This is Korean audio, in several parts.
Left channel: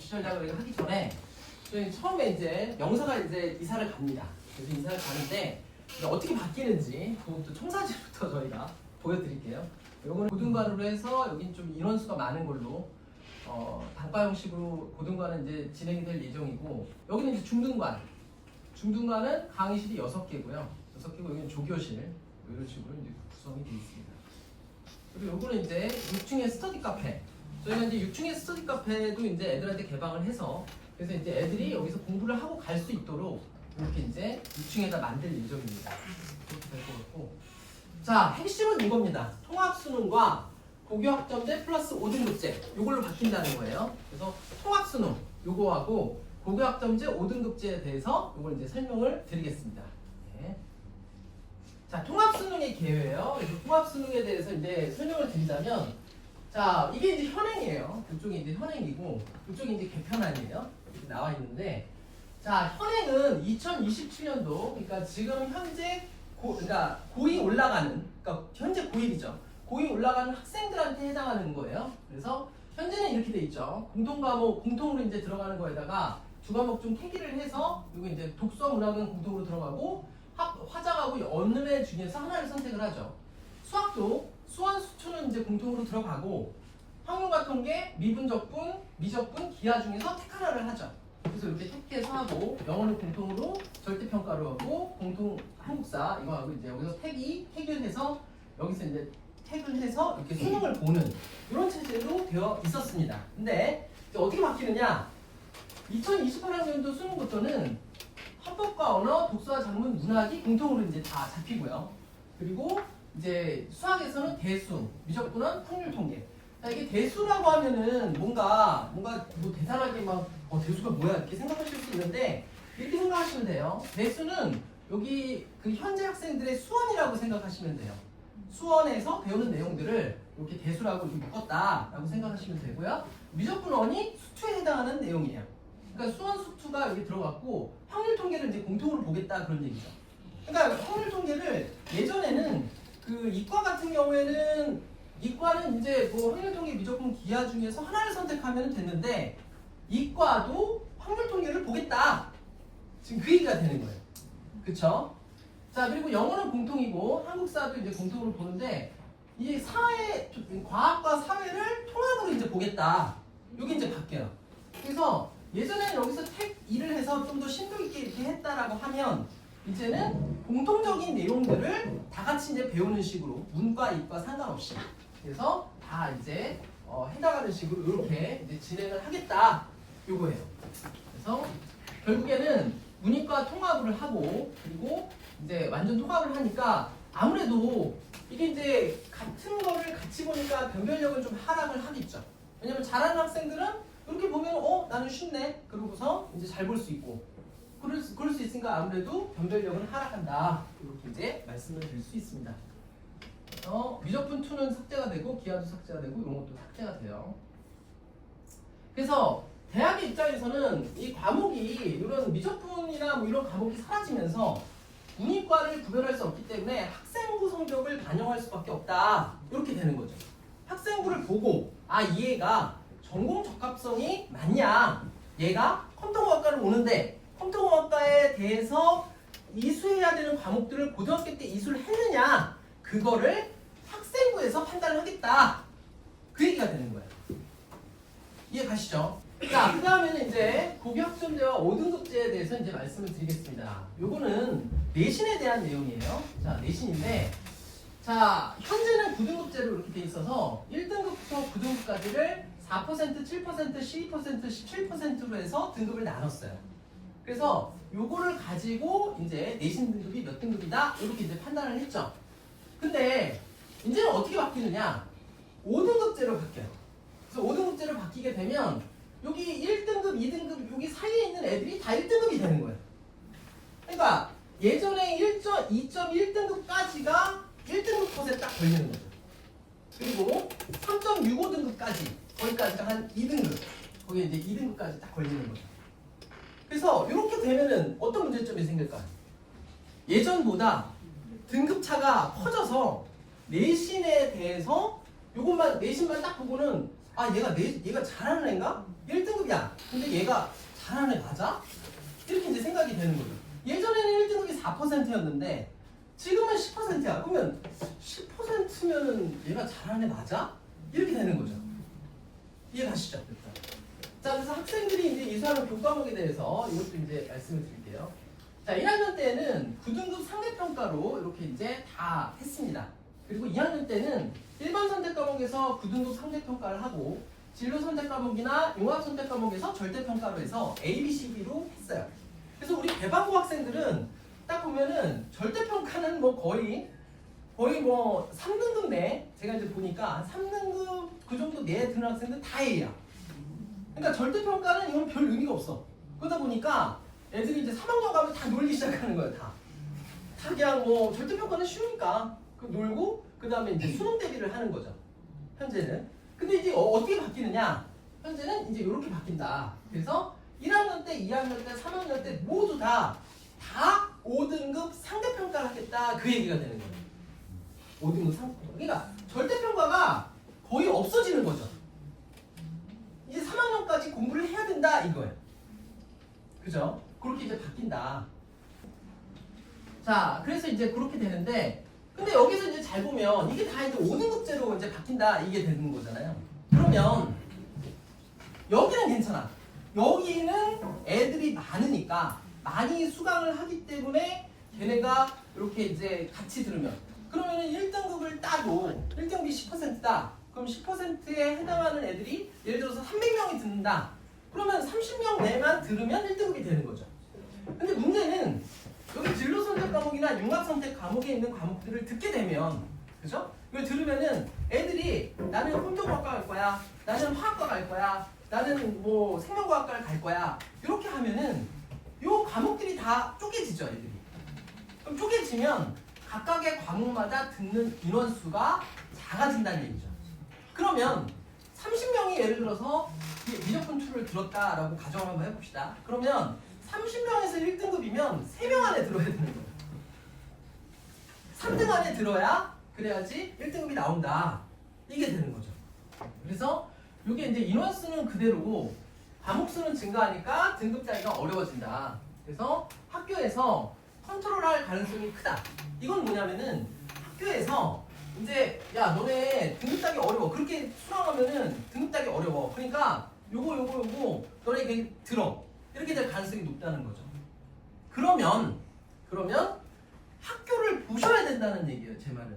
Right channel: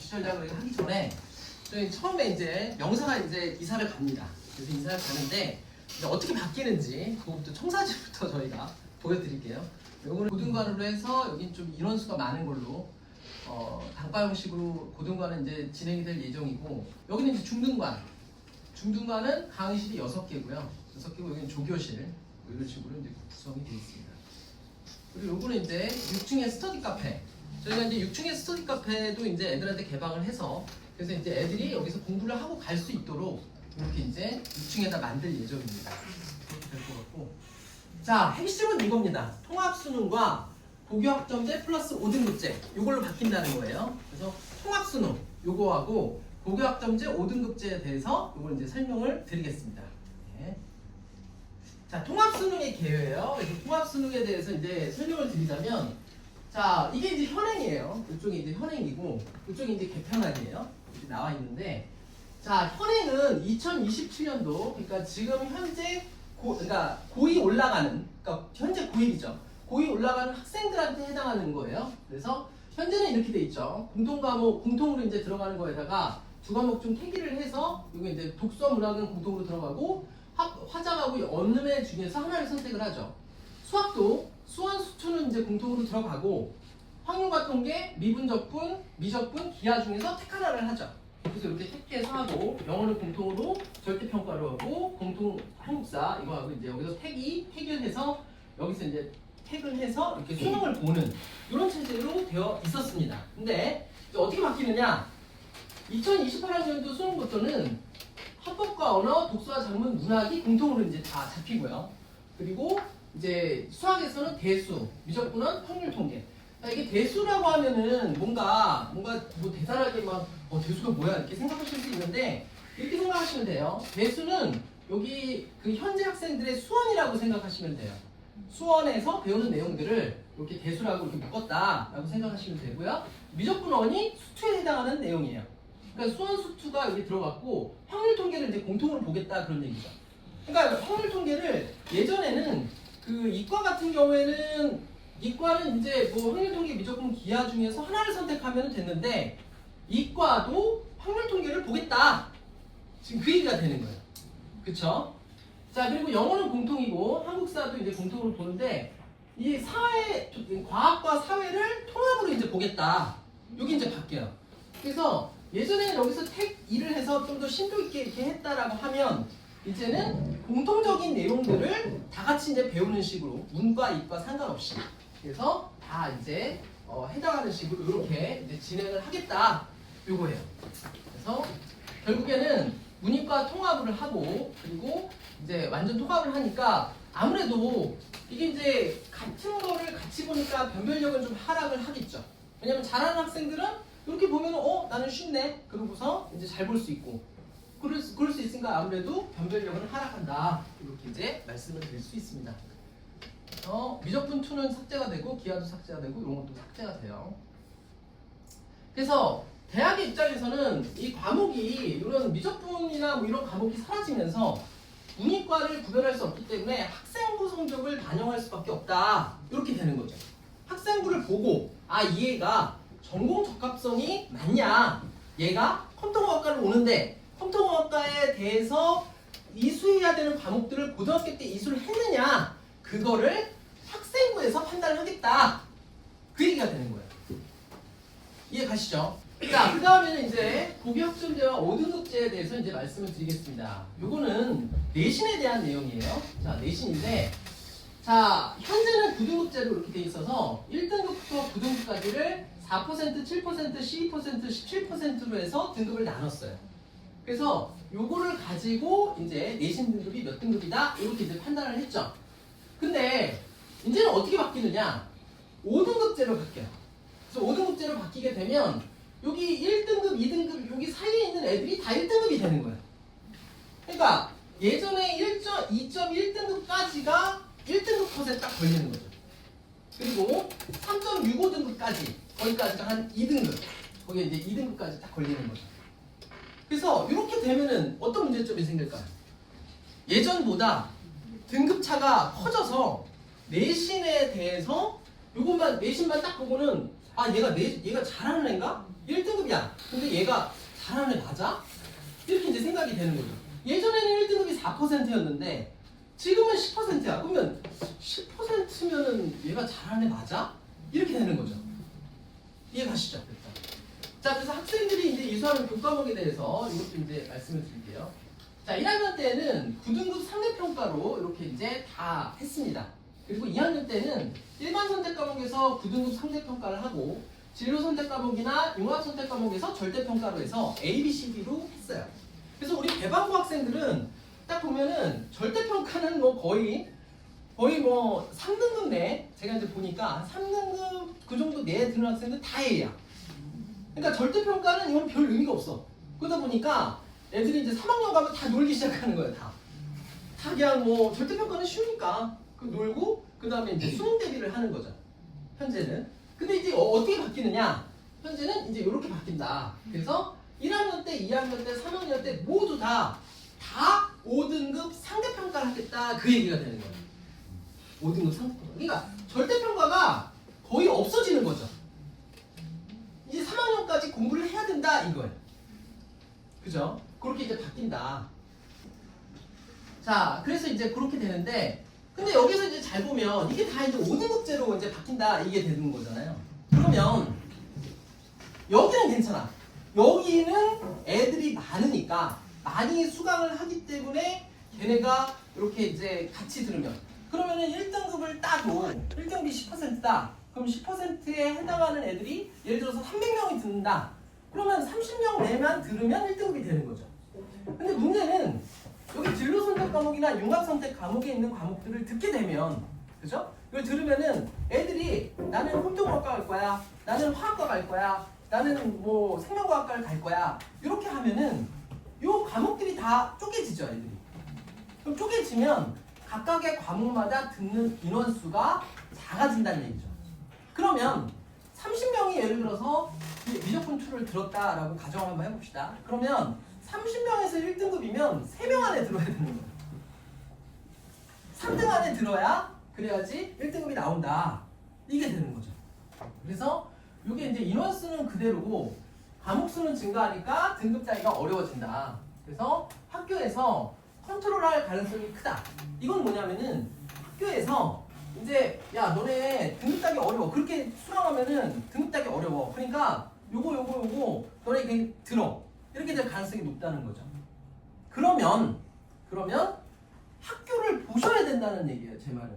입시 전략을 하기 전에 저희 처음에 이제 명사가 이제 이사를 갑니다. 그래서 이사를 가는데 이제 어떻게 바뀌는지 그것부터 청사진부터 저희가 보여드릴게요. 요거는 고등관으로 해서 여기 좀 인원수가 많은 걸로 단과 형식으로 고등관은 이제 진행이 될 예정이고, 여기는 이제 중등관. 중등관은 강의실이 6개고요. 6개고 여기는 조교실 이런 식으로 이제 구성이 되어 있습니다. 그리고 요거는 이제 6층의 스터디 카페. 저희가 이제 6층의 스터디 카페도 이제 애들한테 개방을 해서, 그래서 이제 애들이 여기서 공부를 하고 갈 수 있도록 이렇게 이제 6층에다 만들 예정입니다. 그렇게 될 것 같고. 자, 핵심은 이겁니다. 통합수능과 고교학점제 플러스 5등급제 요걸로 바뀐다는 거예요. 그래서 통합수능 요거하고 고교학점제 5등급제에 대해서 요걸 이제 설명을 드리겠습니다. 네. 자, 통합수능의 개요예요. 통합수능에 대해서 이제 설명을 드리자면, 자, 이게 이제 현행이에요. 이쪽이 이제 현행이고, 이쪽이 이제 개편안이에요. 이렇게 나와 있는데, 자, 현행은 2027년도, 그러니까 지금 현재 그러니까 고2 올라가는, 그러니까 현재 고1이죠. 고2 올라가는 학생들한테 해당하는 거예요. 그래서 현재는 이렇게 돼 있죠. 공통과목, 공통으로 이제 들어가는 거에다가 두 과목 중 태기를 해서, 이거 이제 독서 문학은 공통으로 들어가고, 화작하고 언음의 중에서 하나를 선택을 하죠. 수학도 수원, 수투는 이제 공통으로 들어가고, 확률과 통계, 미분, 적분, 미적분, 기하 중에서 택 하나를 하죠. 그래서 이렇게 택해서 하고, 영어는 공통으로 절대평가로 하고, 공통 한국사 이거 하고, 이제 여기서 택을 해서 여기서 이제 택을 해서 이렇게 수능을 보는 이런 체제로 되어 있었습니다. 근데 이제 어떻게 바뀌느냐? 2028학년도 수능부터는 합법과 언어, 독서와 작문, 문학이 공통으로 이제 다 잡히고요. 그리고 이제 수학에서는 대수, 미적분은 확률 통계. 이게 대수라고 하면은 뭔가 뭐 대단하게 막 대수가 뭐야 이렇게 생각하실 수 있는데, 이렇게 생각하시면 돼요. 대수는 여기 그 현재 학생들의 수원이라고 생각하시면 돼요. 수원에서 배우는 내용들을 이렇게 대수라고 이렇게 묶었다라고 생각하시면 되고요. 미적분원이 수투에 해당하는 내용이에요. 그러니까 수원 수투가 여기 들어갔고, 확률 통계를 이제 공통으로 보겠다 그런 얘기죠. 그러니까 확률 통계를 예전에는 그 이과 같은 경우에는 이과는 이제 뭐 확률 통계, 미적분, 기하 중에서 하나를 선택하면 됐는데, 이과도 확률 통계를 보겠다. 지금 그 얘기가 되는 거예요. 그쵸? 자, 그리고 영어는 공통이고 한국사도 이제 공통으로 보는데, 이 사회, 과학과 사회를 통합으로 이제 보겠다. 여기 이제 바뀌어요. 그래서 예전에는 여기서 택 2를 해서 좀 더 심도 있게 이렇게 했다라고 하면, 이제는 공통적인 내용들을 다 같이 이제 배우는 식으로, 문과, 이과 상관없이. 그래서 다 이제 해당하는 식으로 이렇게 이제 진행을 하겠다. 요거예요. 그래서 결국에는 문이과 통합을 하고, 그리고 이제 완전 통합을 하니까 아무래도 이게 이제 같은 거를 같이 보니까 변별력은 좀 하락을 하겠죠. 왜냐면 잘하는 학생들은 이렇게 보면 나는 쉽네. 그러고서 이제 잘 볼 수 있고, 그럴 수 있으니까 아무래도 변별력은 하락한다. 이렇게 이제 말씀을 드릴 수 있습니다. 미적분 2는 삭제가 되고, 기하도 삭제가 되고, 이런 것도 삭제가 돼요. 그래서 대학의 입장에서는 이 과목이, 이런 미적분이나 뭐 이런 과목이 사라지면서 문이과를 구별할 수 없기 때문에 학생부 성적을 반영할 수밖에 없다. 이렇게 되는 거죠. 학생부를 보고, 이 애가 전공 적합성이 맞냐, 얘가 컴퓨터공학과를 오는데 컴퓨터공학과에 대해서 이수해야 되는 과목들을 고등학교 때 이수를 했느냐, 그거를 학생부에서 판단을 하겠다. 그 얘기가 되는 거예요. 이해 가시죠? 자, 그 다음에는 이제 고교학점제와 5등급제에 대해서 이제 말씀을 드리겠습니다. 요거는 내신에 대한 내용이에요. 자, 내신인데, 자, 현재는 9등급제로 이렇게 돼 있어서 1등급부터 9등급까지를 4%, 7%, 12%, 17%로 해서 등급을 나눴어요. 그래서 요거를 가지고 이제 내신 등급이 몇 등급이다 이렇게 이제 판단을 했죠. 근데 이제는 어떻게 바뀌느냐? 5등급제로 바뀌어요. 그래서 5등급제로 바뀌게 되면 여기 1등급, 2등급 여기 사이에 있는 애들이 다 1등급이 되는 거예요. 그러니까 예전에 2.1등급까지가 1등급 컷에 딱 걸리는 거죠. 그리고 3.65등급까지 거기까지가 한 2등급, 거기에 이제 2등급까지 딱 걸리는 거죠. 그래서 이렇게 되면은 어떤 문제점이 생길까요? 예전보다 등급차가 커져서 내신에 대해서 요것만, 내신만 딱 보고는 아 얘가 잘하는 애인가? 1등급이야. 근데 얘가 잘하는 애 맞아? 이렇게 이제 생각이 되는 거죠. 예전에는 1등급이 4%였는데 지금은 10%야. 그러면 10%면은 얘가 잘하는 애 맞아? 이렇게 되는 거죠. 이해 가시죠? 자, 그래서 학생들이 이제 이수하는 교과목에 대해서 이것도 이제 말씀을 드릴게요. 자, 1학년 때는 9등급 상대평가로 이렇게 이제 다 했습니다. 그리고 2학년 때는 일반 선택 과목에서 9등급 상대평가를 하고 진로 선택 과목이나 융합 선택 과목에서 절대평가로 해서 A, B, C, D로 했어요. 그래서 우리 개방고 학생들은 딱 보면은 절대평가는 뭐 거의 뭐 3등급 내, 제가 이제 보니까 3등급 그 정도 내에 드는 학생들 다 A야. 그러니까 절대평가는 이건 별 의미가 없어. 그러다 보니까 애들이 이제 3학년 가면 다 놀기 시작하는 거예요. 다 그냥 뭐 절대평가는 쉬우니까 놀고 그 다음에 이제 수능 대비를 하는 거죠. 현재는. 근데 이제 어떻게 바뀌느냐? 현재는 이제 이렇게 바뀐다. 그래서 1학년 때, 2학년 때, 3학년 때 모두 다 5등급 상대평가를 하겠다. 그 얘기가 되는 거예요. 5등급 상대평가. 그러니까 절대평가가 거의 없어지는 거죠. 이제 3학년까지 공부를 해야 된다 이거예요. 그죠? 그렇게 이제 바뀐다. 자, 그래서 이제 그렇게 되는데, 근데 여기서 이제 잘 보면 이게 다 이제 5등급제로 이제 바뀐다 이게 되는 거잖아요. 그러면 여기는 괜찮아. 여기는 애들이 많으니까 많이 수강을 하기 때문에 걔네가 이렇게 이제 같이 들으면 그러면은 1등급을 따도 1등급이 10%다. 그럼 10%에 해당하는 애들이 예를 들어서 300명이 듣는다. 그러면 30명 내만 들으면 1등급이 되는 거죠. 근데 문제는 여기 진로 선택 과목이나 융합 선택 과목에 있는 과목들을 듣게 되면, 그죠? 이걸 들으면은 애들이 나는 환경과학과 갈 거야, 나는 화학과 갈 거야, 나는 뭐 생명과학과를 갈 거야. 이렇게 하면은 요 과목들이 다 쪼개지죠, 애들이. 그럼 쪼개지면 각각의 과목마다 듣는 인원수가 작아진다는 얘기죠. 그러면 30명이 예를 들어서 미적분 툴을 들었다라고 가정을 한번 해봅시다. 그러면 30명에서 1등급이면 3명 안에 들어야 되는 거예요. 3등 안에 들어야 그래야지 1등급이 나온다. 이게 되는 거죠. 그래서 이게 이제 인원수는 그대로고 과목수는 증가하니까 등급 따기가 어려워진다. 그래서 학교에서 컨트롤할 가능성이 크다. 이건 뭐냐면은 학교에서 이제 야 너네 등급 따기 어려워. 그렇게 수강하면은 등급 따기 어려워. 그러니까 요거 너네 그냥 들어. 이렇게 될 가능성이 높다는 거죠. 그러면 학교를 보셔야 된다는 얘기예요. 제 말은.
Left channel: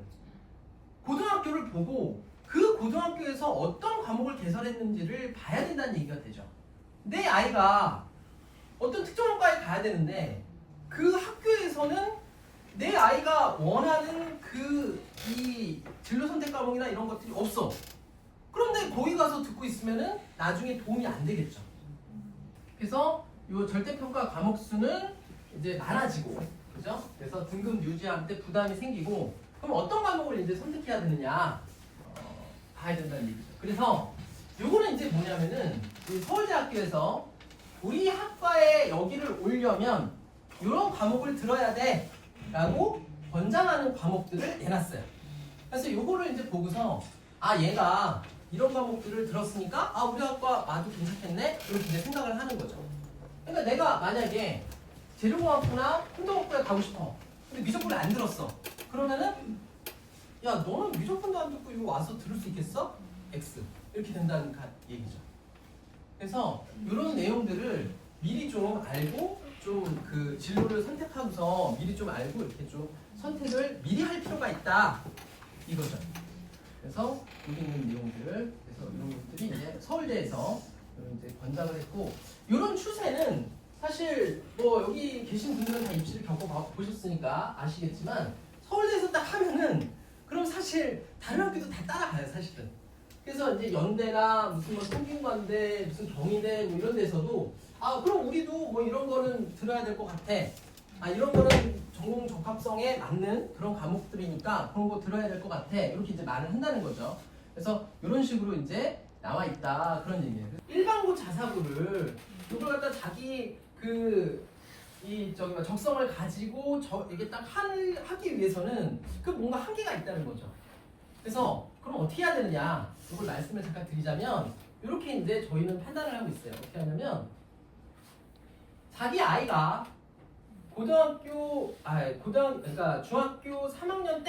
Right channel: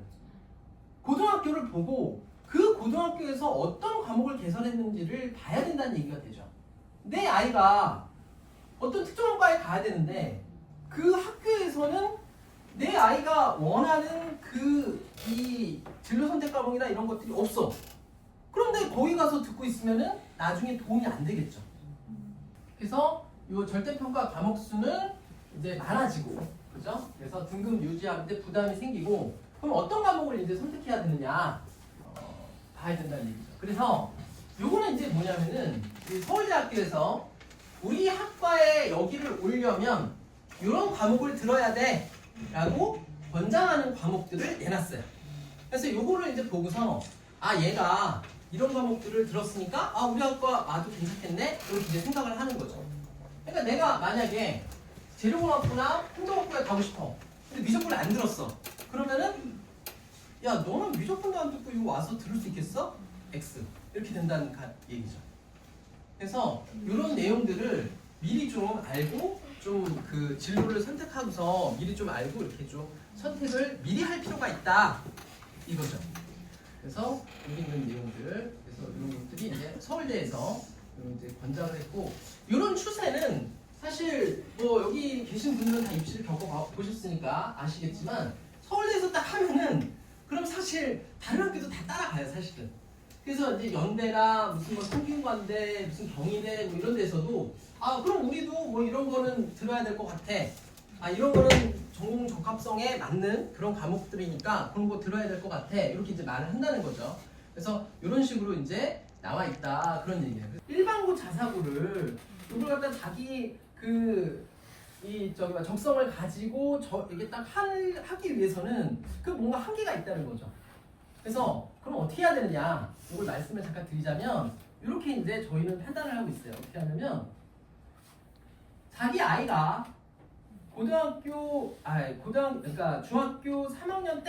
고등학교를 보고 그 고등학교에서 어떤 과목을 개설했는지를 봐야 된다는 얘기가 되죠. 내 아이가 어떤 특정한 과에 가야 되는데 그 학교에서는 내 아이가 원하는 이 진로 선택 과목이나 이런 것들이 없어. 그런데 거기 가서 듣고 있으면은 나중에 도움이 안 되겠죠. 그래서 이 절대평가 과목 수는 이제 많아지고, 그죠? 그래서 등급 유지하는데 부담이 생기고, 그럼 어떤 과목을 이제 선택해야 되느냐 봐야 된다는 얘기죠. 그래서 요거는 이제 뭐냐면은 서울대학교에서 우리 학과에 여기를 오려면 이런 과목을 들어야 돼 라고 권장하는 과목들을 내놨어요. 그래서 요거를 이제 보고서 얘가 이런 과목들을 들었으니까 우리 학과 와도 괜찮겠네? 이렇게 이제 생각을 하는 거죠. 그러니까 내가 만약에 재료공학부나 행정학부에 가고 싶어. 근데 미적분을 안 들었어. 그러면은 야 너는 미적분도 안 듣고 이거 와서 들을 수 있겠어? X 이렇게 된다는 얘기죠. 그래서 이런 내용들을 미리 좀 알고 좀 그 진로를 선택하고서 미리 좀 알고 이렇게 좀 선택을 미리 할 필요가 있다 이거죠. 그래서 여기 있는 내용들, 그래서 이런 것들이 이제 서울대에서 이제 권장을 했고, 이런 추세는 사실 뭐 여기 계신 분들은 다 입시를 겪어보셨으니까 아시겠지만 서울대에서 딱 하면은 그럼 사실 다른 학교도 다 따라가요 사실은. 그래서 이제 연대나 무슨 뭐 성균관대, 무슨 경희대 뭐 이런 데서도 그럼 우리도 뭐 이런 거는 들어야 될 것 같아. 이런 거는 전공 적합성에 맞는 그런 과목들이니까 그런 거 들어야 될 것 같아. 이렇게 이제 말을 한다는 거죠. 그래서 이런 식으로 이제 나와 있다 그런 얘기예요. 일반고 자사고를 이걸 갖다 자기 적성을 가지고 이게 딱 하기 위해서는 뭔가 한계가 있다는 거죠. 그래서 그럼 어떻게 해야 되느냐? 이걸 말씀을 잠깐 드리자면 이렇게 이제 저희는 판단을 하고 있어요. 어떻게 하냐면 자기 아이가 그러니까 중학교 3학년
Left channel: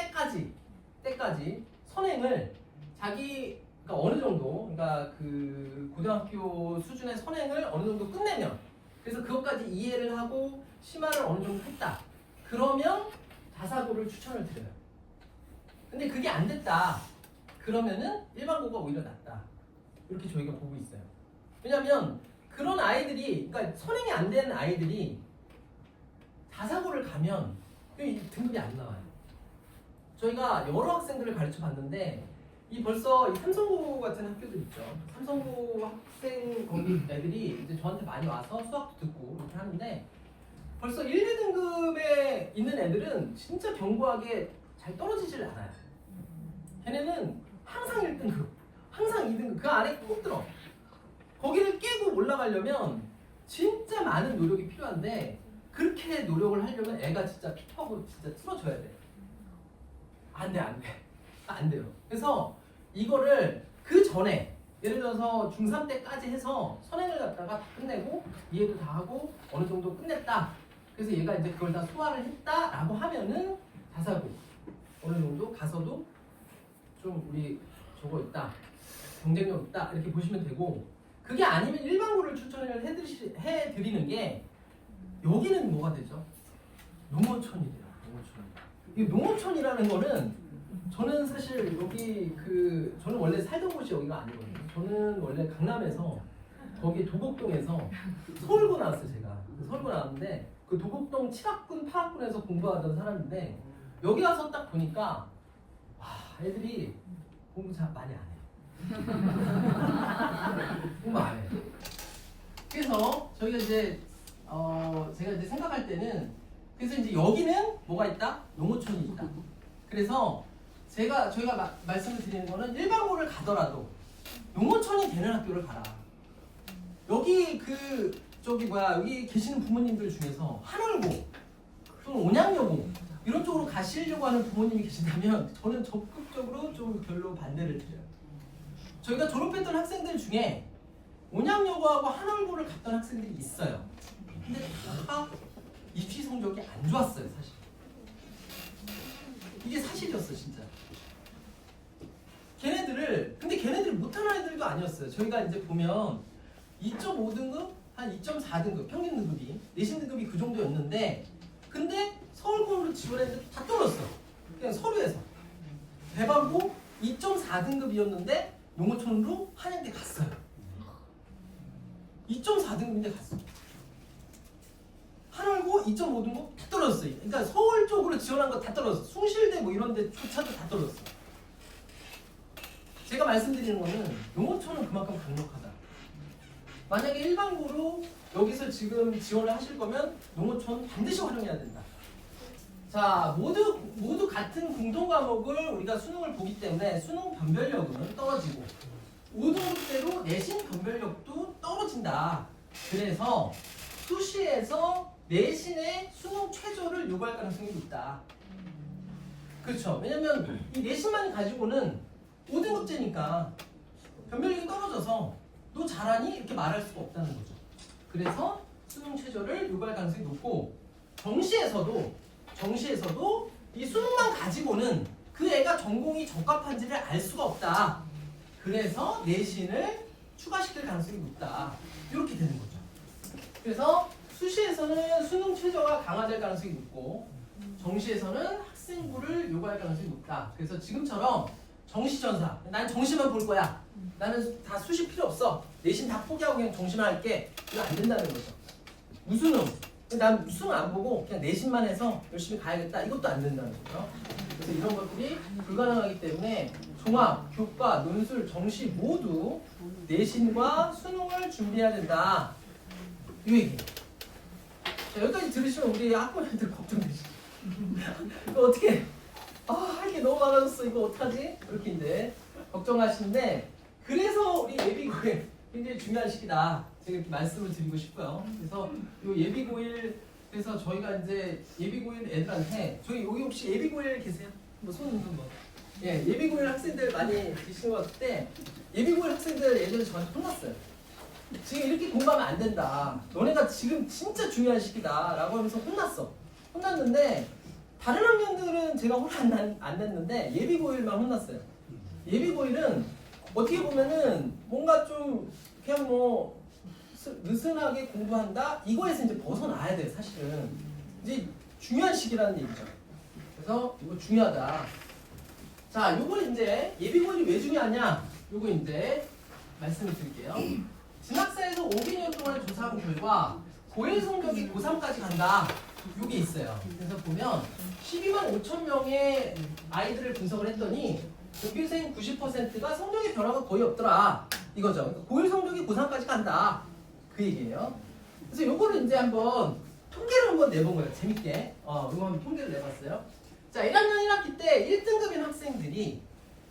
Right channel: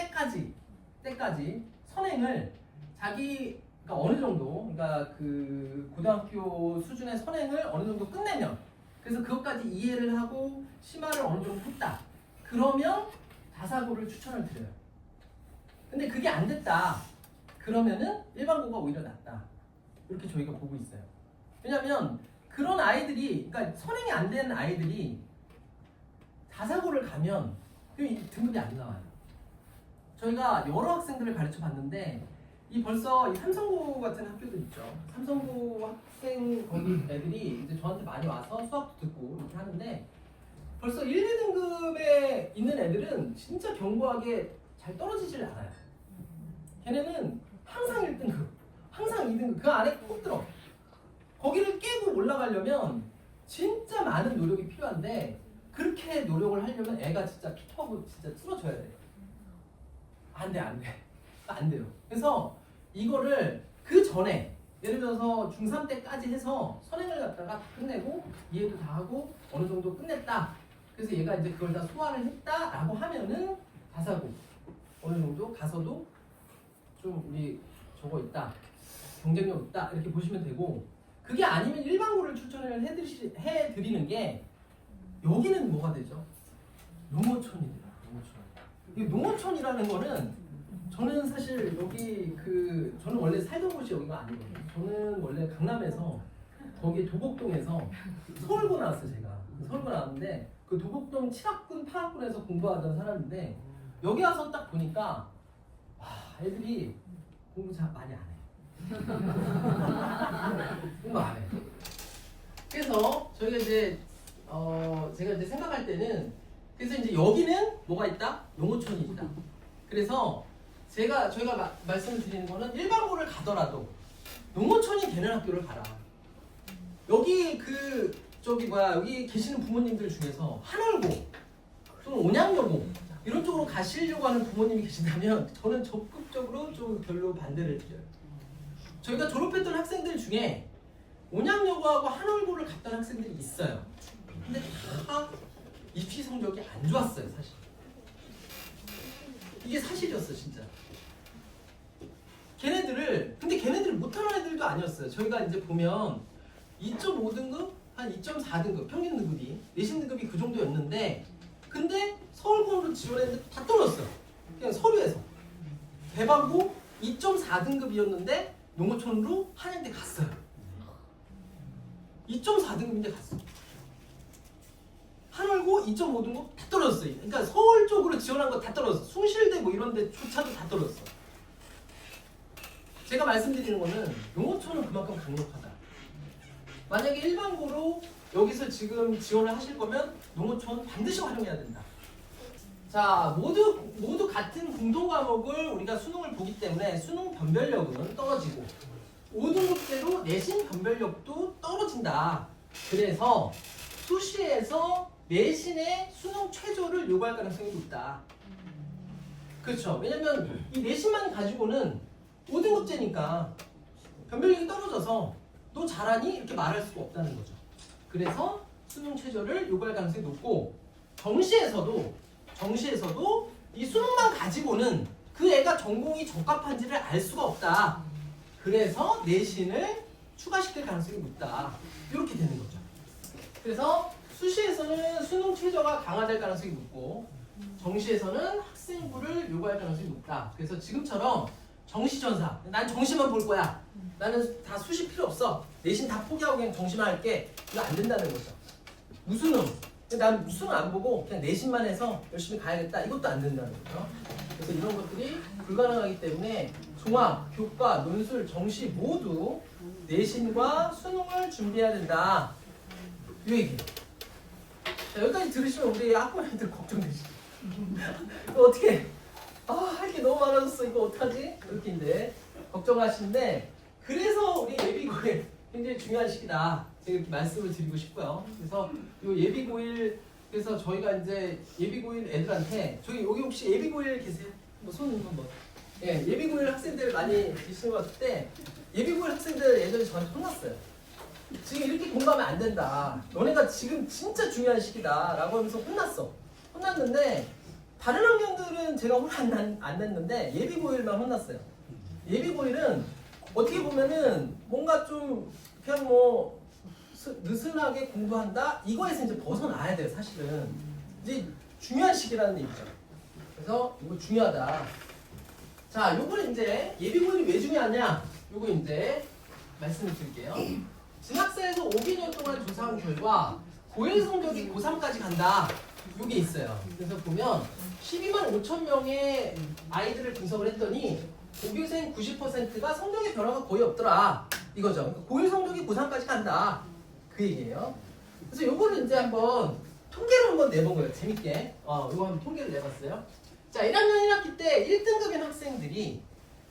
때까지 선행을 그러니까 어느 정도, 그러니까 그 고등학교 수준의 선행을 어느 정도 끝내면, 그래서 그것까지 이해를 하고 심화를 어느 정도 했다. 그러면 다사고를 추천을 드려요. 근데 그게 안 됐다. 그러면은 일반고가 오히려 낫다. 이렇게 저희가 보고 있어요. 왜냐면 그런 아이들이, 그러니까 선행이 안 된 아이들이 다사고를 가면 등급이 안 나와요. 저희가 여러 학생들을 가르쳐 봤는데 벌써 이 삼성고 같은 학교들 있죠. 삼성고 학생 거기 애들이 이제 저한테 많이 와서 수학도 듣고 이렇게 하는데 벌써 1, 2등급에 있는 애들은 진짜 견고하게 잘 떨어지질 않아요. 걔네는 항상 1등급, 항상 2등급 그 안에 꼭 들어. 거기를 깨고 올라가려면 진짜 많은 노력이 필요한데 그렇게 노력을 하려면 애가 진짜 피터하고 진짜 쓰러져야 돼. 안 돼요. 그래서 이거를 그 전에 예를 들어서 중3 때까지 해서 선행을 갖다가 다 끝내고 이해도 다 하고 어느 정도 끝냈다. 그래서 얘가 이제 그걸 다 소화를 했다라고 하면은 다사고 어느 정도 가서도 좀 우리 저거 있다, 경쟁력 있다 이렇게 보시면 되고, 그게 아니면 일반고를 추천을 해드리는 게 여기는 뭐가 되죠? 농어촌이 돼요. 농어촌. 이 농어촌이라는 거는 저는 사실 여기 저는 원래 살던 곳이 여기가 아니거든요. 저는 원래 강남에서 거기 도곡동에서 서울고 나왔어요. 제가 서울고 나왔는데 그 도곡동 7학군 8학군에서 공부하던 사람인데 여기 와서 딱 보니까 와, 애들이 공부 잘 많이 안 해. 공부 안 해. 그래서 저희가 이제 제가 이제 생각할 때는, 그래서 이제 여기는 뭐가 있다? 농어촌이 있다. 그래서 저희가 말씀을 드리는 거는 일반고를 가더라도 농어촌이 되는 학교를 가라. 여기 여기 계시는 부모님들 중에서 한월고 또는 온양여고 이런 쪽으로 가시려고 하는 부모님이 계신다면 저는 적극적으로 좀 별로 반대를 드려요. 저희가 졸업했던 학생들 중에 온양여고하고 한월고를 갔던 학생들이 있어요. 근데 다 입시 성적이 안 좋았어요, 사실. 이게 사실이었어, 진짜. 근데 걔네들을 못하는 애들도 아니었어요. 저희가 이제 보면 2.5등급, 한 2.4등급, 평균 등급이, 내신 등급이 그 정도였는데, 근데 서울공으로 지원했는데 다 떨어졌어. 그냥 서류에서. 대박고 2.4등급이었는데 농어촌으로 한양대 갔어요. 2.4등급인데 갔어. 한월고 2.5등급 다 떨어졌어요. 그러니까 서울 쪽으로 지원한 거 다 떨어졌어. 숭실대 뭐 이런 데조차도 다 떨어졌어. 제가 말씀드리는 거는 농어촌은 그만큼 강력하다. 만약에 일반고로 여기서 지금 지원을 하실 거면 농어촌 반드시 활용해야 된다. 자, 모두 같은 공통 과목을 우리가 수능을 보기 때문에 수능 변별력은 떨어지고 5등급대로 내신 변별력도 떨어진다. 그래서 수시에서 내신의 수능 최저를 요구할 가능성이 있다. 그렇죠. 왜냐면 이 내신만 가지고는 5등급제니까 변별력이 떨어져서 너 잘하니? 이렇게 말할 수가 없다는 거죠. 그래서 수능 최저를 요구할 가능성이 높고, 정시에서도 이 수능만 가지고는 그 애가 전공이 적합한지를 알 수가 없다. 그래서 내신을 추가시킬 가능성이 높다. 이렇게 되는 거죠. 그래서 수시에서는 수능 최저가 강화될 가능성이 높고, 정시에서는 학생부를 요구할 가능성이 높다. 그래서 지금처럼 정시전사, 난 정시만 볼 거야. 나는 다 수시 필요 없어. 내신 다 포기하고 그냥 정시만 할게. 이거 안 된다는 거죠. 무수능, 난 수능 안 보고 그냥 내신만 해서 열심히 가야겠다. 이것도 안 된다는 거죠. 그래서 이런 것들이 불가능하기 때문에 종합, 교과, 논술, 정시 모두 내신과 수능을 준비해야 된다. 이 얘기. 자, 여기까지 들으시면 우리 학부모님들 걱정되시죠? 이거 어떻게? 할 게 너무 많아졌어. 이거 어떡하지? 이렇게 이제 걱정하시는데, 그래서 우리 예비고일 굉장히 중요한 시기다. 제가 이렇게 말씀을 드리고 싶고요. 그래서 이 예비고일, 그래서 저희가 이제 예비고일 애들한테, 저희 여기 혹시 예비고일 계세요? 뭐 손 한번. 예, 예비고일 학생들 많이 계시는 것 같은데 예비고일 학생들 예전에 저한테 혼났어요. 지금 이렇게 공부하면 안 된다. 너네가 지금 진짜 중요한 시기다. 라고 하면서 혼났어. 혼났는데 다른 학년들은 제가 혼 안 냈는데 예비고일만 혼났어요. 예비고일은 어떻게 보면은 뭔가 좀 그냥 뭐 느슨하게 공부한다? 이거에서 이제 벗어나야 돼요, 사실은. 이제 중요한 시기라는 얘기죠. 그래서 이거 중요하다. 자, 요거는 이제 예비고일이 왜 중요하냐? 요거 이제 말씀을 드릴게요. 진학사에서 5개년 동안 조사한 결과 고1 성적이 고3까지 간다. 요게 있어요. 그래서 보면 12만 5천 명의 아이들을 분석을 했더니 고교생 90%가 성적의 변화가 거의 없더라. 이거죠. 그러니까 고1 성적이 고3까지 간다. 그 얘기예요. 그래서 요거를 이제 한번 통계를 한번 내본 거예요. 재밌게. 요거 한번 통계를 내봤어요. 자, 1학년 1학기 때 1등급인 학생들이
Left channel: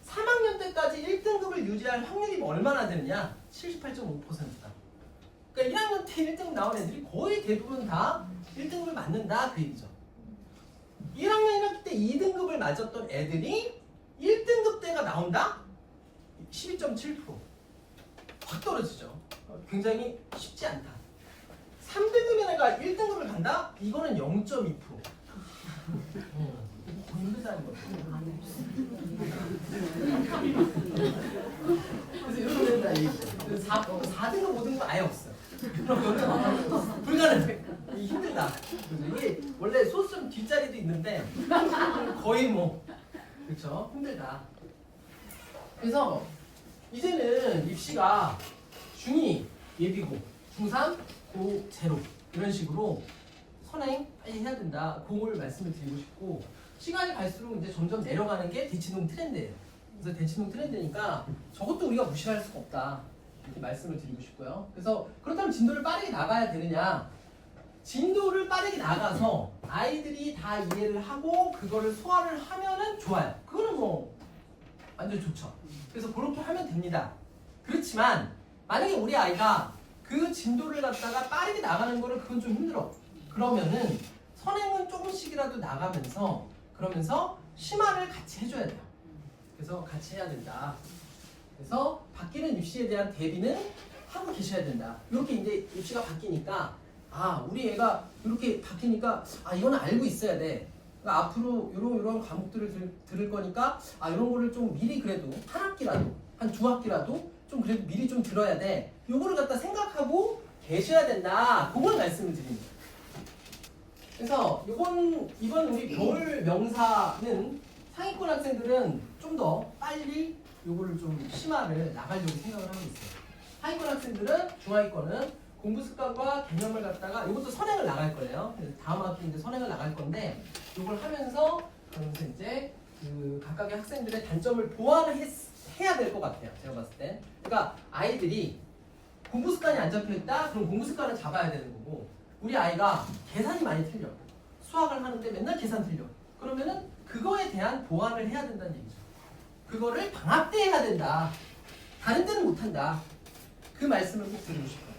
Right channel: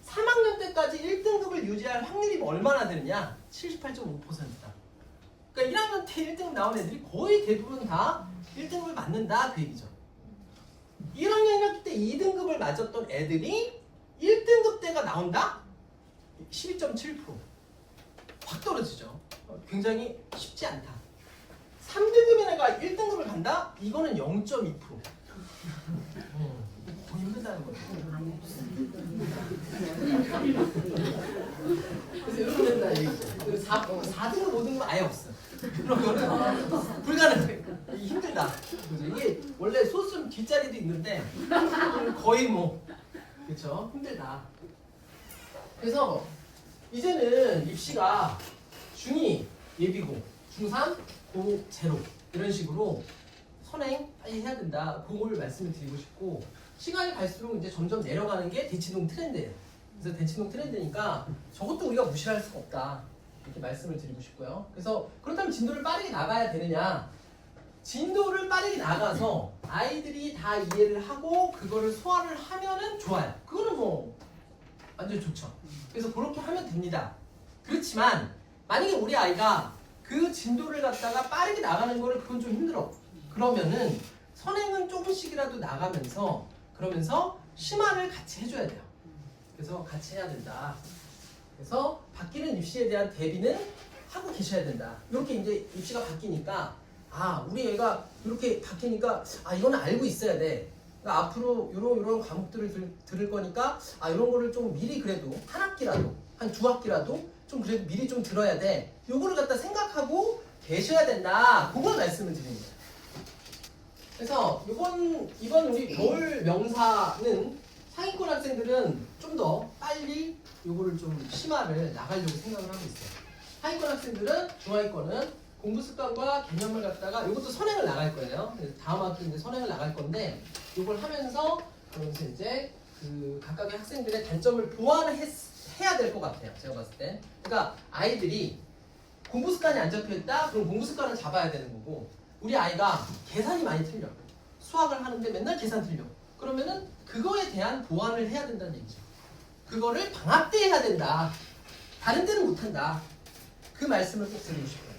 3학년 때까지 1등급을 유지할 확률이 얼마나 되느냐? 78.5%다. 그러니까 1학년 때 1등급 나온 애들이 거의 대부분 다 1등급을 맞는다. 그 얘기죠. 1학년 1학기 때 2등급을 맞았던 애들이 1등급 때가 나온다? 12.7%. 확 떨어지죠. 굉장히 쉽지 않다. 3등급의 애가 1등급을 간다? 이거는 0.2%. 더 힘들다는 거죠. 그래서 이렇게 된다 얘기죠. 4등급, 5등급 아예 없어요. 그런 거는 불가능해. 힘들다. 이게 원래 소수점 뒷자리도 있는데 거의 뭐 그렇죠. 힘들다. 그래서 이제는 입시가 중2 예비고, 중3 고 제로 이런 식으로 선행 빨리 해야 된다. 그걸 말씀을 드리고 싶고 시간이 갈수록 이제 점점 내려가는 게 대치동 트렌드예요. 그래서 대치동 트렌드니까 저것도 우리가 무시할 수가 없다. 이렇게 말씀을 드리고 싶고요. 그래서 그렇다면 진도를 빠르게 나가야 되느냐? 진도를 빠르게 나가서 아이들이 다 이해를 하고 그거를 소화를 하면은 좋아요. 그거는 뭐 완전 좋죠. 그래서 그렇게 하면 됩니다. 그렇지만 만약에 우리 아이가 그 진도를 갖다가 빠르게 나가는 거를 그건 좀 힘들어. 그러면은 선행은 조금씩이라도 나가면서 그러면서 심화를 같이 해줘야 돼요. 그래서 같이 해야 된다. 그래서 바뀌는 입시에 대한 대비는 하고 계셔야 된다. 이렇게 이제 입시가 바뀌니까 우리 애가 이렇게 바뀌니까 이거는 알고 있어야 돼. 그러니까 앞으로 이런 과목들을 들을 거니까 이런 거를 좀 미리 그래도 한 학기라도 한 두 학기라도 좀 그래도 미리 좀 들어야 돼. 요거를 갖다 생각하고 계셔야 된다. 그걸 말씀을 드립니다 그래서 이번 우리 겨울 명사는 상위권 학생들은 좀 더 빨리 요거를 좀 심화를 나가려고 생각을 하고 있어요. 하위권 학생들은 중하위권은 공부 습관과 개념을 갖다가 이것도 선행을 나갈 거예요. 그래서 다음 학기 이제 선행을 나갈 건데 이걸 하면서 그러면서 이제 그 각각의 학생들의 단점을 보완을 해야 될 것 같아요. 제가 봤을 때. 그러니까 아이들이 공부 습관이 안 잡혀 있다? 그럼 공부 습관을 잡아야 되는 거고 우리 아이가 계산이 많이 틀려. 수학을 하는데 맨날 계산 틀려. 그러면은 그거에 대한 보완을 해야 된다는 얘기죠. 그거를 방학 때 해야 된다. 다른 때는 못 한다. 그 말씀을 꼭 드리고 싶어요.